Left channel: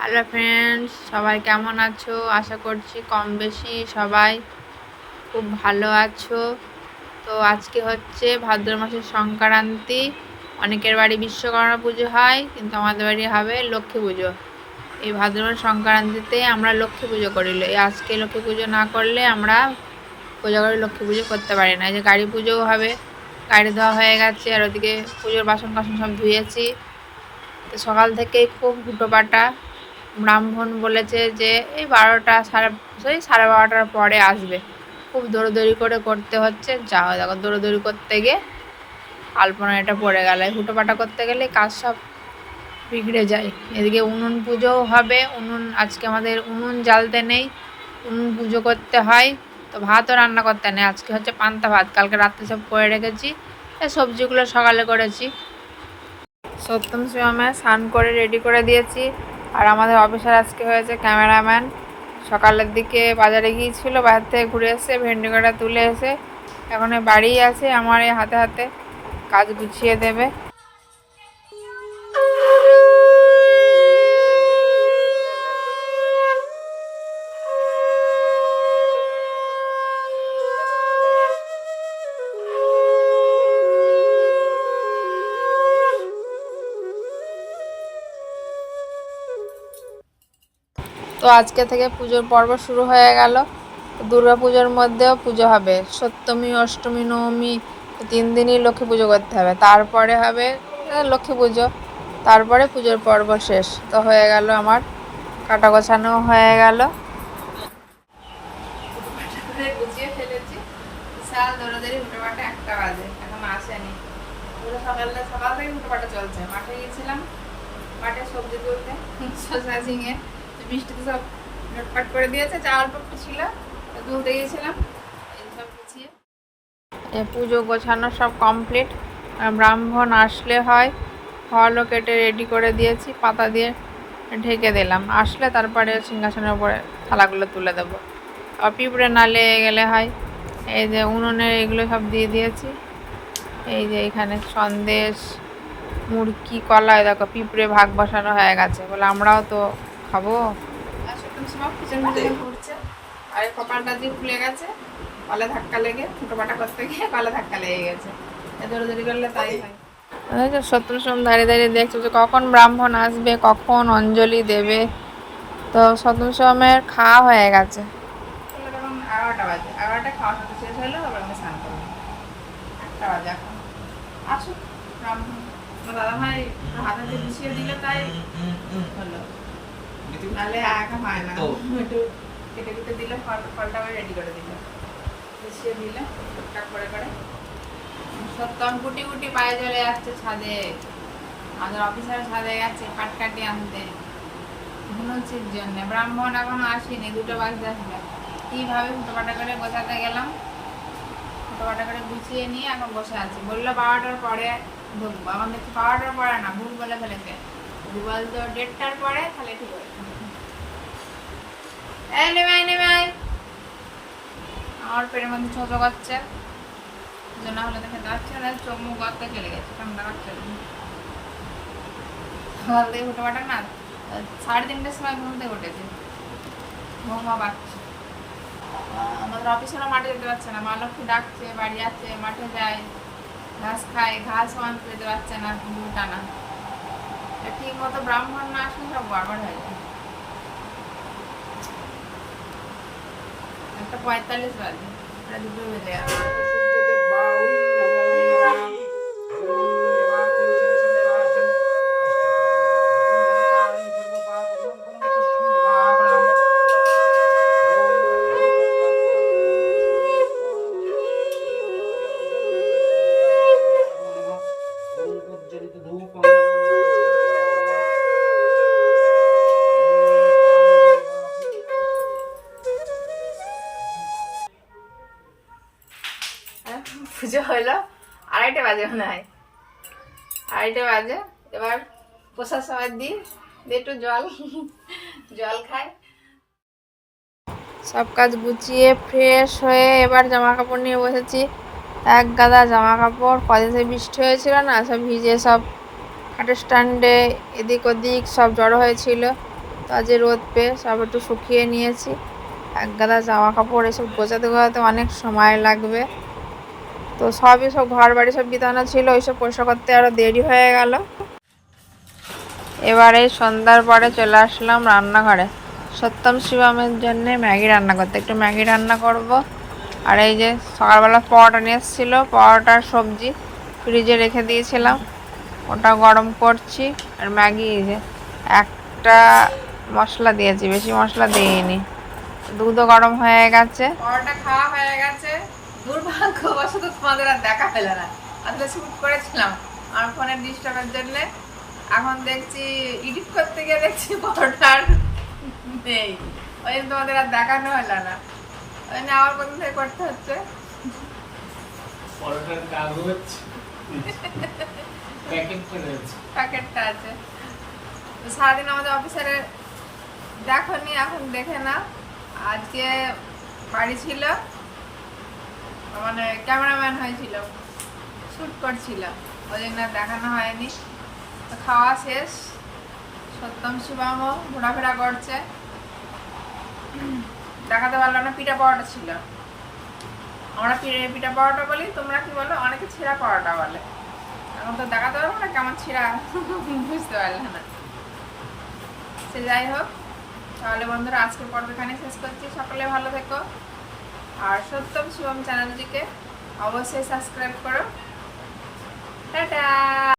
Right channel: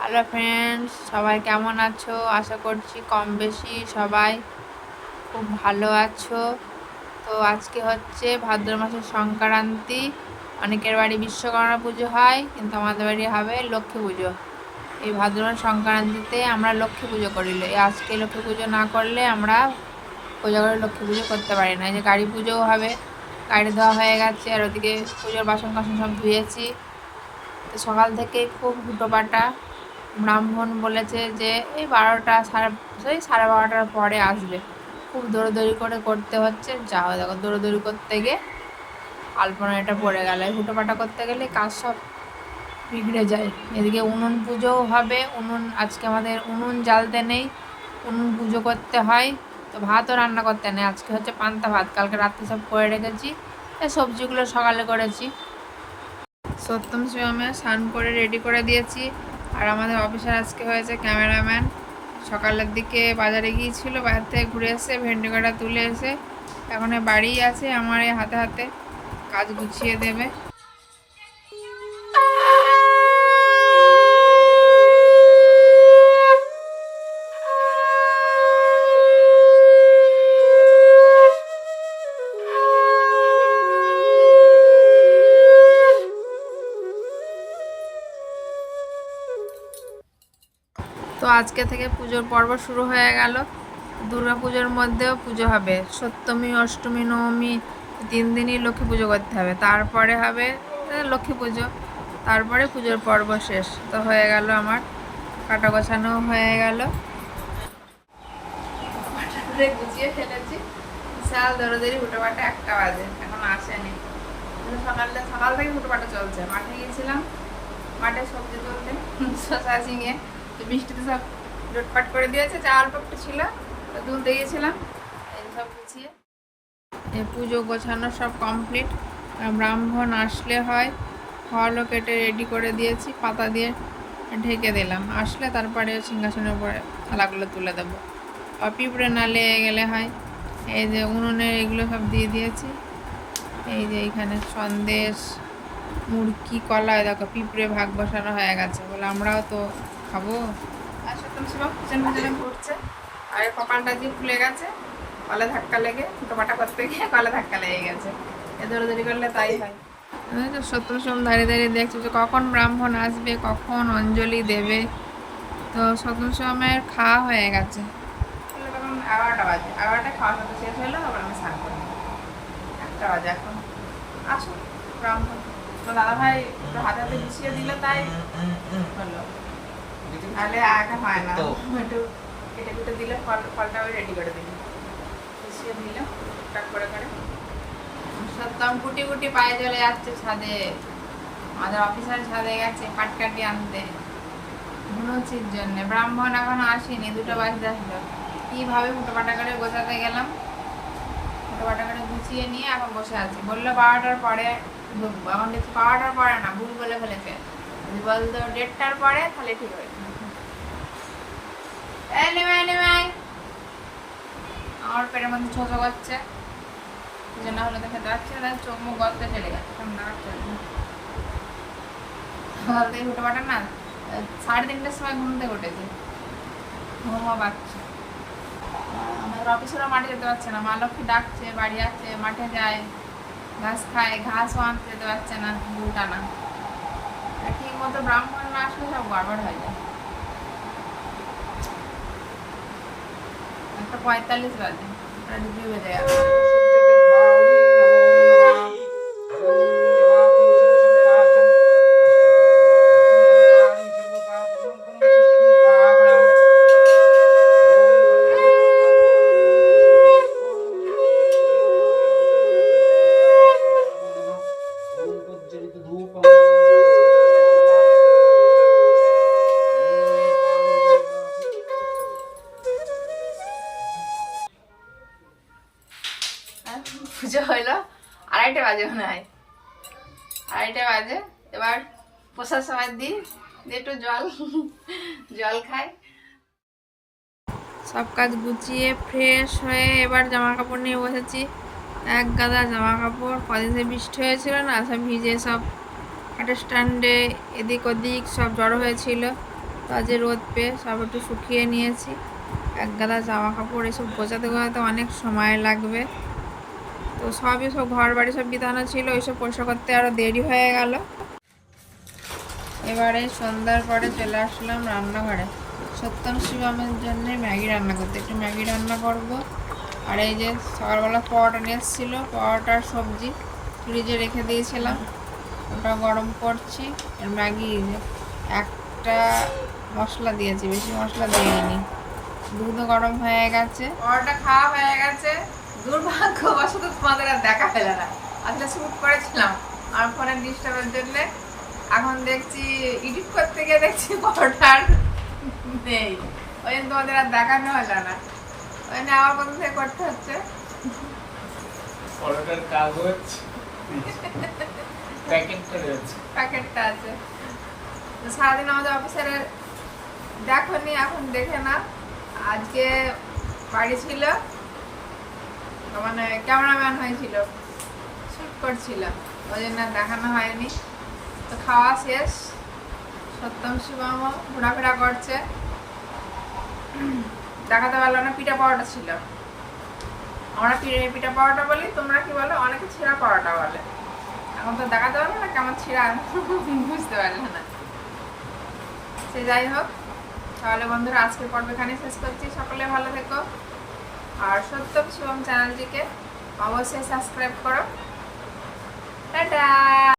Hello friends, সবাই কেমন আছো? আশা করছি কম বেশি সবাই খুব ভালো আছো। তো আজকে হচ্ছে ভাদ্র মাসের সংক্রান্তি। অনেকের বাড়ি বিশ্বকর্মা পুজো হয়, কিন্তু আমাদের বাড়ি হবে লক্ষ্মী পুজো। এই ভাদ্র মাস সংক্রান্তিতে আমরা লক্ষ্মী পুজো করি। আজকে লক্ষ্মী পুজো না করলে আমরা পুজো করে লক্ষ্মী পুজো করতে পারি না। এই যে গাড়ি পুজোও হবে, গাড়ি ধোয়া হয়ে গেছে, আর ওদিকে পুজোর বাসন কাসন সব ধুয়েছি। তো সকাল থেকেই খুব হুটোপাটা। ব্রাহ্মণ বলেছে যে এই 12টার পরে আসবে। খুব দৌড়দৌড়ি করে করতে হচ্ছে। যাও দেখো, দৌড়দৌড়ি করতে গিয়ে আলপনা এটা পড়ে গেল। হুটোপাটা করতে গেলে কাজ সব বিগড়ে যায়। এদিকে উনুন পুজোও হবে। আজকে আমাদের উনুন জ্বালতে নেই, উনুন পুজো করতে হয়। তো ভাতও রান্না করতে নেই, আজকে হচ্ছে পান্তা ভাত। কালকে রাত্রে সব করে রেখেছি, সবজিগুলো সকালে করেছি। সত্যম শিবমে স্নান করে রেডি করে দিয়েছি। আর আমাদের অফিসার আজকে হয়েছে ক্যামেরাম্যান। সকালের দিকে বাজারে গিয়েছিল, বাজার থেকে ঘুরে এসে ভেন্ডি কাটা তুলে এসে এখন বাড়ি আছে, আমার এই হাতে হাতে কাজ গুছিয়ে দেবে। তো আজকে থেকে পুজোর পর্ব শুরু হয়ে গেল। দুর্গা পুজোর মধ্যেও পুজো হবে, সপ্তমী অষ্টমী নবমী 3 দিনই লক্ষ্মী পুজো করতে হবে। তারপরে হবে লক্ষ্মী পুজো, তারপরে পুজোর পর্ব শেষ। তো হয়ে গেল আমার কাটা গোছানো হয়ে গেল, গুছিয়ে ফেলেছি। বিশাল দৌড়াদৌড়ি, হুটোপাটা 1টা বাজে, এখন আসেনি। সকাল থেকে হুটোপাটা চলছে। মাঠে গিয়েছিলাম, মাঠে সবজি তুলতে, শশা ঝিঙে বৃষ্টিতে সব লটপাট করে দিয়েছে। যা অল্প একটু ছিল তুলতে গিয়েছিলাম, সব গুছিয়ে পুজো গোছানো সব কমপ্লিট। ব্রাহ্মণ আসলে হয়, ফলও কেটে রেডি করে দিয়েছি, পাতা দিয়ে ঢেকে দিলাম। আসলে তারপরে সিংহাসনের উপরে থালাগুলো তুলে দেবো। আর পিঁপড়ে না লেগে গেলে হয়। এই যে উনুনে এগুলো সব দিয়ে দিয়েছি। এই যে এখানে সন্দেশ, মুড়কি, কলা, দেখো পিঁপড়ে ভাগ বসানো হয়ে গেছে, বলে আমরাও তো খাবো। ঘুরছে, আর কপালটা দিয়ে ফুলে গেছে, কলে ধাক্কা লেগে, ফুটোপাটা করতে গিয়ে কলে ধাক্কা লেগে গেছে। দৌড়ি করলে তাই হয়। সত্যম সোম দাঁড়িয়ে দাঁড়িয়ে দেখছে যে কখন ব্রাহ্মণ আসবে, কখন অঞ্জলি দেবে। তো সপ্তম সোমের খাওয়া হয়ে গেছে, তখন 11টা বাজে। 11টায় খাওয়া সাথে শেষ হলো, তারপর আমি স্নান করবো। 1টা বাজে এখন। আসুক ব্রাহ্মণ, আমার দাদা ভাই একটু হাতে হাতে গুছিয়ে দিল, তাই হলো, নাহলে এখন হয় না। একটু কেটে কুটে দিল, ফলটা রেডি করে দিল, গুছিয়ে দিল টুকটাক করে করে। সত্যম কুটি কুটি পায়ে চলে যাচ্ছে ছাদে। আমাদের অফিসার ছাদে গেছে পাটকাঠি আনতে ধুনুচির জন্য। ব্রাহ্মণ এখনো আসেনি, 2টা বাজতে আসলো। কীভাবে ফুটোপাটা করে গোছাতে গেলাম, ফুটোপাটা করে গুছিয়ে নিয়ে এখন বসে আছি। বললো 12টার পরে ঢুকবো, এখন দেখছি 12টার পরে না, ভুল বলে ফেলেছে। যদি বলতো 1:30টার পরে তাহলে ঠিক হয়েছে। এই নেমে আয়, আমার পেটের মধ্যে ছোঁচো করছে, না হলে তো খেতে পারছি না। চোখ মুখ গর্তে চলে গেছে, ঠান্ডা করছে। সকাল থেকে উঠে পাঠান না, 3:30টার সময় ঘুম থেকে উঠেছি, ঘুমও পাচ্ছে। আমাদের অফিসেরও মাঠে যেতে পারছে না, মা লক্ষ্মী ডাকছে, বাড়ি আসছে, মাঠে যায়, ঘাস খায়, ঘাসও আনতে যেতে পারছে না, টানা। ঠিক মতো ব্রাহ্মণ না আসলে সব গড়বড় হয়ে যায়। 1:45 বাজে, প্রায় 2টোই বেজে গেল। পুজো হইলো 2:30 বাজে, মনে হয় 2:30 বাজে। এবার প্রসাদ সবাই দিই, একটু জল খাই। সব কাজ গুছিয়ে ফ্রেশ হয়ে এবার জামা কাপড় নিয়ে বসেছি। এক গাদা জামা কাপড়, কদিন থেকে বৃষ্টি হয়েছিল না, সব ভিজে সব খাটের স্ট্যান্ডে এদিক ওদিক সব জড়ো হয়েছিল। তো আজ রোদ পেয়ে সব একটু শুকিয়ে নিয়েছি। এক গাদা জামা কাপড় এসব গোছাতে গোছাতে অনেক সময় লাগবে। তো সবই সব ঘর বাড়ি সব বিছানো ছিল, ওইসব পরিষ্কার করতে আরও দেরি হয়ে গেল। এবারে সন্ধ্যার পরে চলে আসলাম রান্নাঘরে সত্যম শিবমের জন্য ম্যাগি রান্না করতে। একটু ম্যাগি রান্না করব। আর এই যে সকালবেলা পরোটা নিয়ে এসেছিলো, পরোটার সবজি ফ্রিজে রেখে দিয়েছিলাম, ওটা গরম করছি। আর ম্যাগি এই যে একটা মশলা দিয়েছি, বেশি মশলা দিইনি। দুধও গরম হয়ে গেছে, পরোটা খাওয়া হয়ে গেছে। দুর্ভাগ্যবশত তোমাদের আর দেখা পেল না, আসলে শ্যুট করেছিলাম আমার ফোনের ডিস্টার্বের জন্যে। এখন দেখছি এডিট করতে গিয়ে দেখছি পরোটার নেই, ওই জন্য তোমাদের আর দেখানো হলো না, ওই জন্য আবার প্রথম থেকে করতে হচ্ছে। পরোটার কাগজ প্যাকেটটা আছে। তো সারাদিন আমাদের অফিসারে দেখোনি, এখন দেখে না। আজকে বাড়ি ছিল, মানে ক্যামেরাম্যান হয়েছিল, শ্যুট করছিল, ওই জন্য দেখানো হয়নি। তো খাওয়া শেষ, সত্যম শিবমও ঘোরাফেরা করছে, দেখাতে পারলো না। পিঠা পাওয়াটা ছিল, আমরা পিঠা পাওয়াটা বলি, তোমরা কি বলো? অনেকে ছিঁড়া পাওয়াটা বলে। এখন তো দেখাতে পারবো না কেমন ছিঁড়া, বুঝতে পারলে না। সে যাই হোক, তাহলে বন্ধুরা আজকের পর্ব এখানে শেষ করছি। সকলে ভালো থেকো, আর সত্যম শিবম চ্যানেলটিকে অবশ্যই সাবস্ক্রাইব করো। টাটা।